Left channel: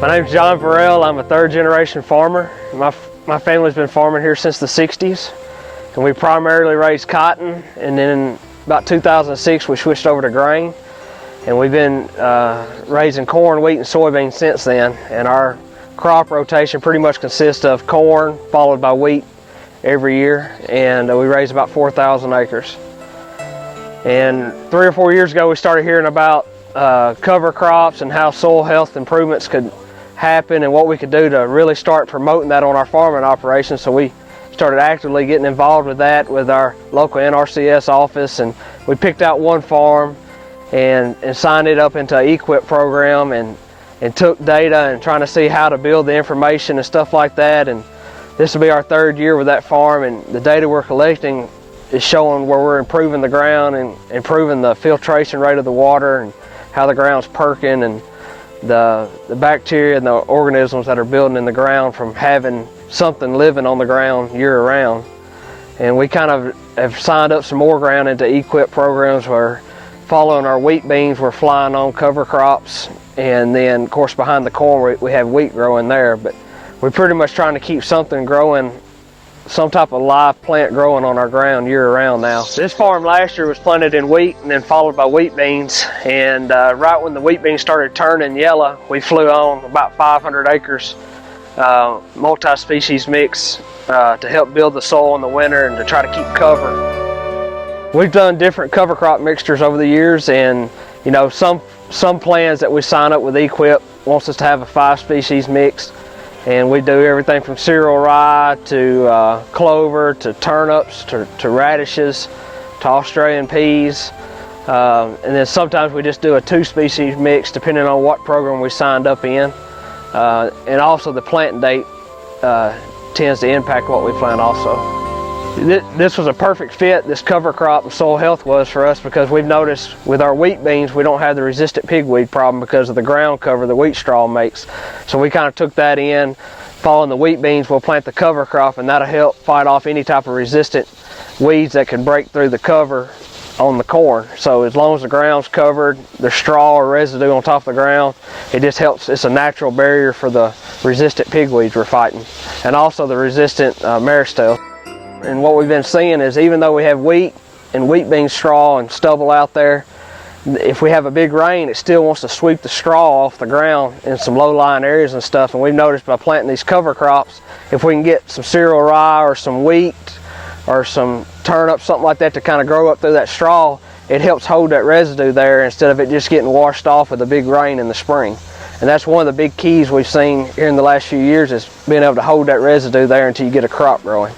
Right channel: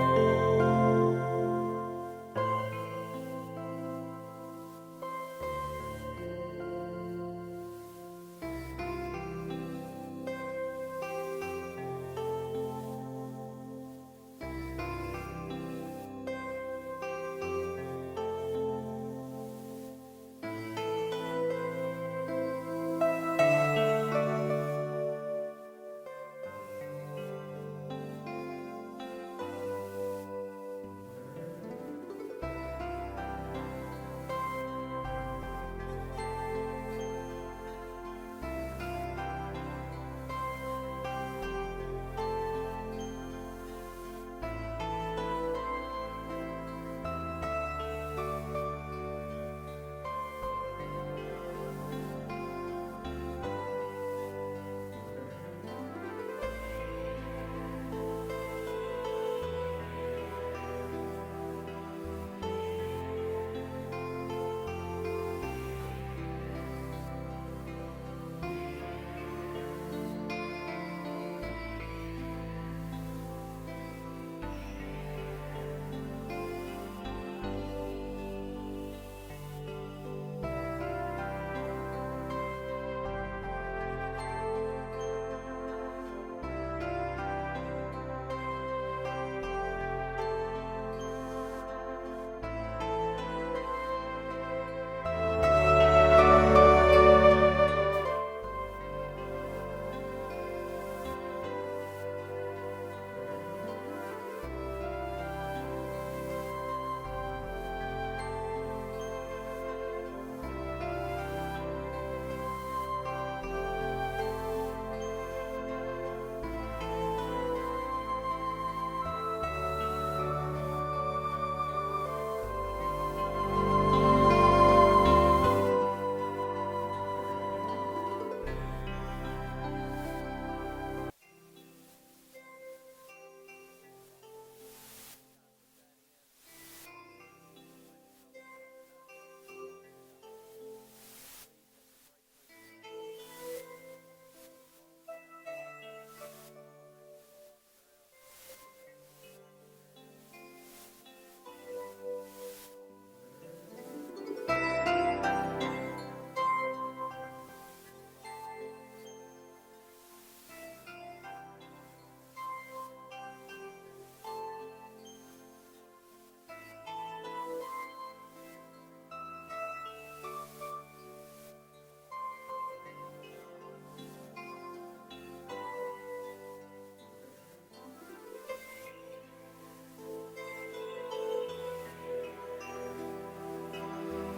My name's John Verell. I'm a third-generation farmer. My family's been farming here since the 60s, and we primarily raised cotton, and then in about 2006 we switched over to grain, and we've been raising corn, wheat, and soybeans since then. And our crop rotation pretty much consists of corn followed by wheat every year, and we raise about 4,000 acres. And 3 or 4 years ago we started hearing about cover crops and how soil health improvements could happen and what we could do to really start promoting that on our farming operations. So we started actively getting involved with that with our local NRCS office, and we picked out one farm and signed it up into an EQIP program and took data and trying to see how to build the information and stuff like that. And this will be our 3rd year with that farm, and the data we're collecting is showing where we're improving the ground and improving the filtration rate of the water and how the ground's perking, and the bacteria and the organisms that are building in the ground from having something living on the ground year-round. And we kind of have signed up some more ground into EQIP programs where, following our wheat beans, we're flying on cover crops, and then of course behind the corn we have wheat growing there. But we're pretty much trying to keep something growing, some type of live plant growing on our ground year-round now. This farm last year was planted in wheat and then followed by wheat beans, and right when the wheat beans started turning yellow, we flew on about 500 acres multi-species mix to help build the soil in the winter and to try to keep cover. We've done different cover crop mixtures over the years, and you know, some plans that we sign up with EQIP wants us to have a 5-species mix. And we do everything from cereal rye to clover to turnips to radishes to Australian peas. And then sometimes we just do a 2-species mix depending on what program we signed up in. And also the planting date tends to impact what we plant also. This was a perfect fit, this cover crop and soil health was for us, because we've noticed with our wheat beans we don't have the resistant pigweed problem because of the ground cover the wheat straw makes. So we kind of took that in. Following the wheat beans, we'll plant the cover crop, and that'll help fight off any type of resistant weeds that can break through the cover on the corn. So as long as the ground's covered, there's straw or residue on top of the ground, it just helps. It's a natural barrier for the resistant pigweeds we're fighting, and also the resistant maristelle. And what we've been seeing is, even though we have wheat and wheat bean straw and stubble out there, if we have a big rain, it still wants to sweep the straw off the ground in some low-lying areas and stuff. And we've noticed by planting these cover crops, if we can get some cereal rye or some wheat or some turnips, something like that, to kind of grow up through that straw, it helps hold that residue there instead of it just getting washed off with a big rain in the spring. And that's one of the big keys we've seen here in the last few years, is being able to hold that residue there until you get a crop growing.